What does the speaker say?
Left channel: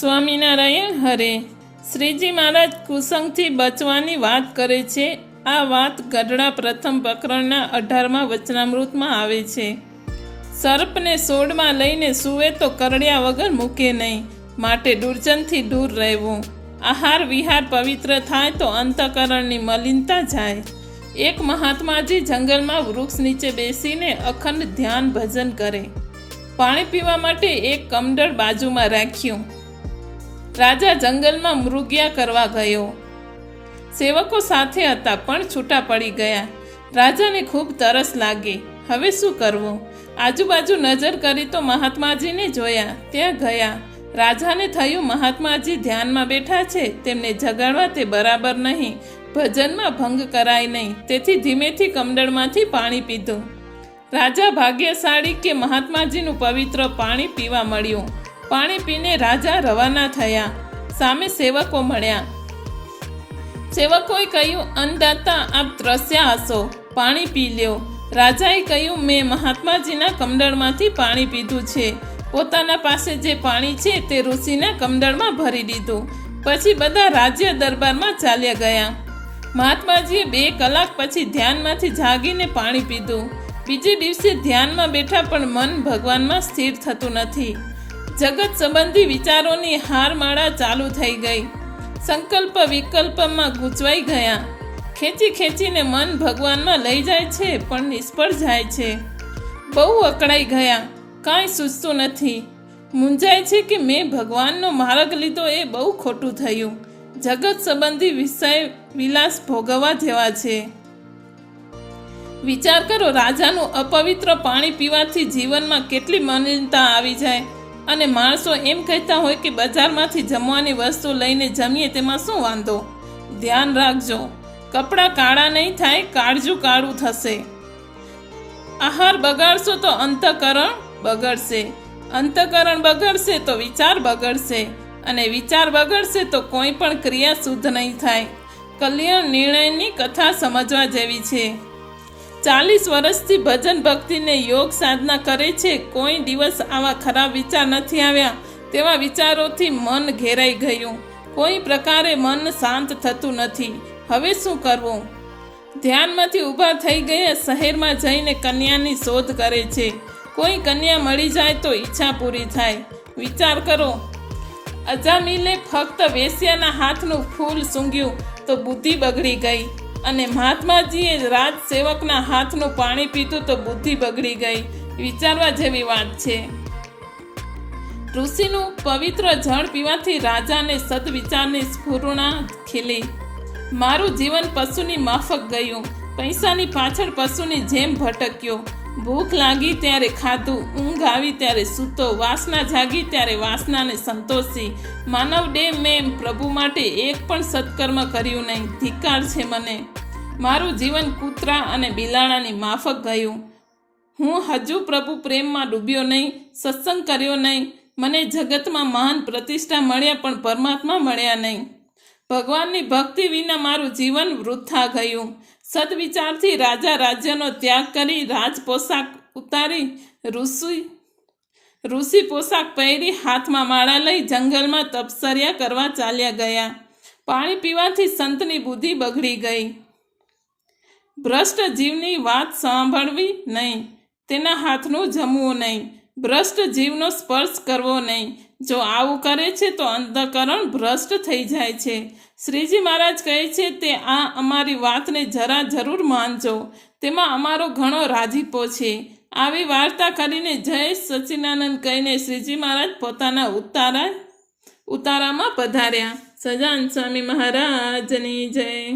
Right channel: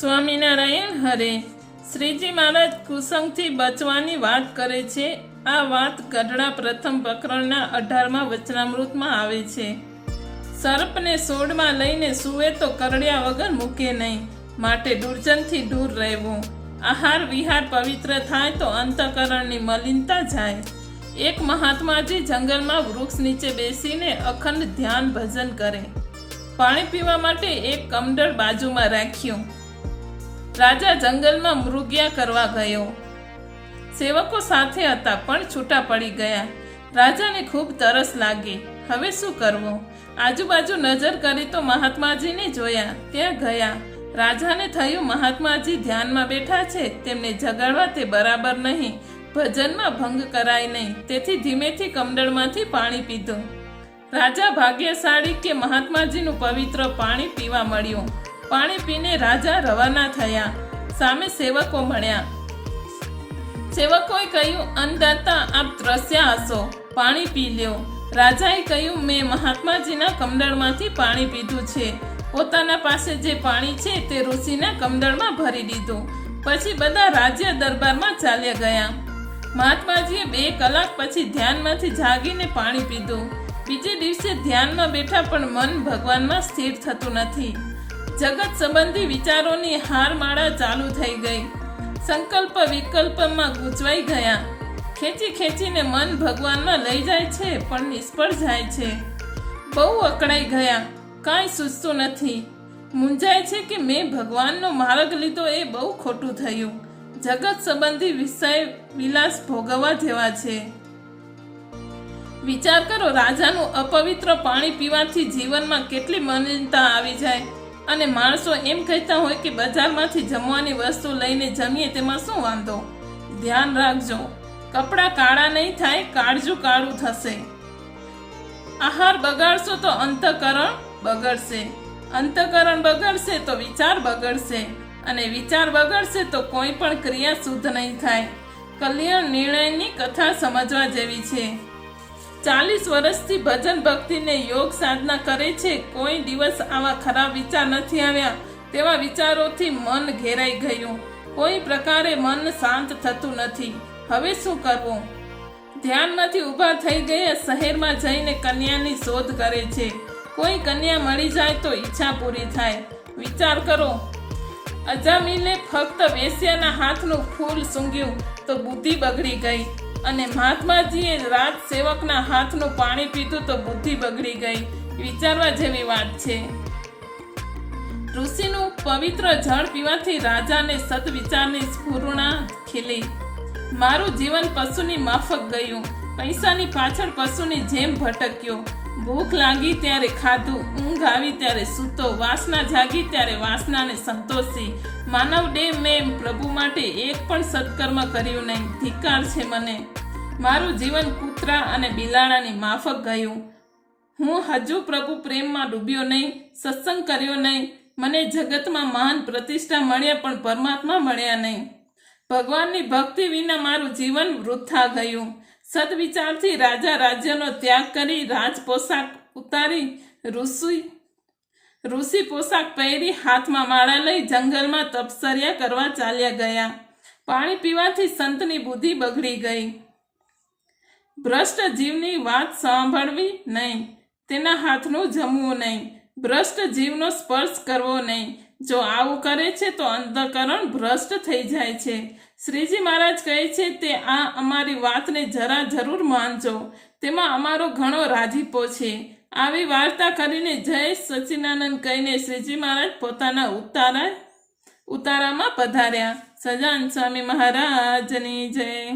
સ્વામિનારાયણ હરે. શ્રીજી મહારાજ કુસંગથી બચવાની વાત કરે છે. આ વાત ગઢડા પ્રથમ પ્રકરણના અઢારમાં વચનામૃતમાં આવે છે. સર્પને સોડમાં લઈને સૂવે તો કરડ્યા વગર મૂકે નહીં. માટે દુર્જનથી દૂર રહેવું. આહાર વિહાર પવિત્ર થાય તો અંતકરણની મલિનતા જાય. એક મહાત્માજી જંગલમાં વૃક્ષ નીચે બેસીને અખંડ ધ્યાન ભજન કરે. પાણી પીવા માટે એક કમડળ બાજુમાં રાખ્યું. રાજા જંગલમાં મૃગ્યા કરવા ગયો. સેવકો સાથે હતા પણ છૂટા પડી ગયા. રાજાને ખૂબ તરસ લાગી. હવે શું કરવું? આજુબાજુ નજર કરી તો મહાત્માજીને જોયા. ત્યાં ગયા. રાજાને થયું મહાત્માજી ધ્યાનમાં બેઠા છે. તેમને જગાડવા તે બરાબર નહીં. ભજનમાં ભંગ કરાય નહીં. તેથી ધીમેથી કમંડળમાંથી પાણી પીધું. રાજા ભાગ્યશાળી કે મહાત્માજીનું પવિત્ર પાણી પીવા મળ્યું. પાણી પીને રાજા રવાના થયા. સામે સેવકો મળ્યા. સેવકોએ કહ્યું, અન્નદાતા, આપ ત્રસ્યા હશો. પાણી પી લ્યો. રાજાએ કહ્યું, મેં મહાત્માજીના કમંડળમાંથી પાણી પીધું છે. પોતાના પાસે જે પાણી છે તે ઋષિના કમંડળમાં ભરી દીધું. પછી બધા રાજ્ય દરબારમાં ચાલ્યા ગયા. મહાત્માજીએ બે કલાક પછી ધ્યાનમાંથી જાગીને પાણી પીધું. બીજે દિવસે ધ્યાનમાં બેઠા પણ મન ભગવાનમાં સ્થિર થતું નથી. જગત સંબંધી વિચારોની હારમાળા ચાલુ થઈ ગઈ. સંકલ્પ વિકલ્પમાં ગૂંચવાઈ ગયા. ખેંચી ખેંચીને મન ભગવાનમાં લઈ જાય છે, પણ નિષ્ફળ જાય છે. બહુ અકળાઈ ગયા. કાંઈ સૂચતું નથી. મૂંઝાય છે કે મેં ભગવાનનો માર્ગ લીધો એ બહુ ખોટું થયું. જગત સંબંધી વિષય વિલાસ ભોગવવા જેવા છે. વિચાર કરો, રાજાનું અપવિત્ર પાણી પીવાથી જીવનમાં કેટલી મલિનતા આવી જાય. અને માણસો એમ કહેતા હોય કે બજારમાંથી જમવાની વસ્તુ લઈને જમીએ તેમાં શું વાંધો? ધ્યાન રાખજો. કપડાં કાળા નહીં થાય, કાળજું કાળું થશે. આહાર બગાડશો તો અંતકરણ બગડશે. અંતકરણ બગડશે તો વિચાર બગડશે. અને વિચાર બગડશે તો કોઈ પણ ક્રિયા શુદ્ધ નહીં થાય. કલ્યાણ નિર્ણયની કથા સમજવા જેવી છે. ચાલીસ વર્ષથી ભજન ભક્તિને યોગ સાધના કરે છે. કોઈ દિવસ આવા ખરાબ વિચાર નથી આવ્યા. તેવા વિચારોથી મન ઘેરાઈ ગયું. કોઈ પ્રકારે મન શાંત થતું નથી. હવે શું કરવું? ધ્યાનમાંથી ઊભા થઈ ગયા શહેરમાં જઈને કન્યાની શોધ કરે છે. કોઈ કન્યા મળી જાય તો ઈચ્છા પૂરી થાય. વિચાર કરો. અજામીલે ફક્ત વેશ્યાના હાથનું ફૂલ સૂંઘ્યું તો બુદ્ધિ બગડી ગઈ. અને મહાત્માજીએ રાજ સેવકના હાથનું પાણી પીધું તો બુદ્ધિ બગડી ગઈ. વિચારવા જેવી વાત છે. ઋષિનું પવિત્ર જળ પીવાથી રાજાને સદવિચારની સ્ફૂર્ણા ખીલી. મારું જીવન પશુની માફક ગયું. પૈસાની પાછળ પશુની જેમ ભટક્યો. ભૂખ લાગી ત્યારે ખાધું, ઊંઘ આવી ત્યારે સૂતો, વાસના જાગી ત્યારે વાસનાને સંતોષી. માનવ ડે મેં પ્રભુ માટે એક પણ સત્કર્મ કર્યું નહીં. ધિક્કાર છે મને. મારું જીવન કૂતરા અને બિલાડાની માફક ગયું. હું હજુ પ્રભુ પ્રેમમાં ડૂબ્યો નહીં, સત્સંગ કર્યો નહીં. મને જગતમાં મહાન પ્રતિષ્ઠા મળ્યા પણ પરમાત્મા મળ્યા નહીં. ભગવાનની ભક્તિ વિના મારું જીવન વૃથા ગયું. સદવિચારથી રાજા રાજ્યનો ત્યાગ કરી રાજ પોશાક ઉતારી, ઋષિ ઋષિ પોશાક પહેરી હાથમાં માળા લઈ જંગલમાં તપસર્યા કરવા ચાલ્યા ગયા. પાણી પીવાથી સંતની બુદ્ધિ બગડી ગઈ. ભ્રષ્ટ જીવની વાત સાંભળવી નહીં. તેના હાથનું જમવું નહીં. ભ્રષ્ટ જીવનો સ્પર્શ કરવો નહીં. જો આવું કરે છે તો અંતકરણ ભ્રષ્ટ થઈ જાય છે. શ્રીજી મહારાજ કહે છે તે આ અમારી વાતને જરા જરૂર માનજો. તેમાં અમારો ઘણો રાજીપો છે. આવી વાર્તા કરીને જય સચિનાનંદ કહીને શ્રીજી મહારાજ પોતાના ઉતારા, ઉતારામાં પધાર્યા. સજાન સ્વામી મહારાજની જય.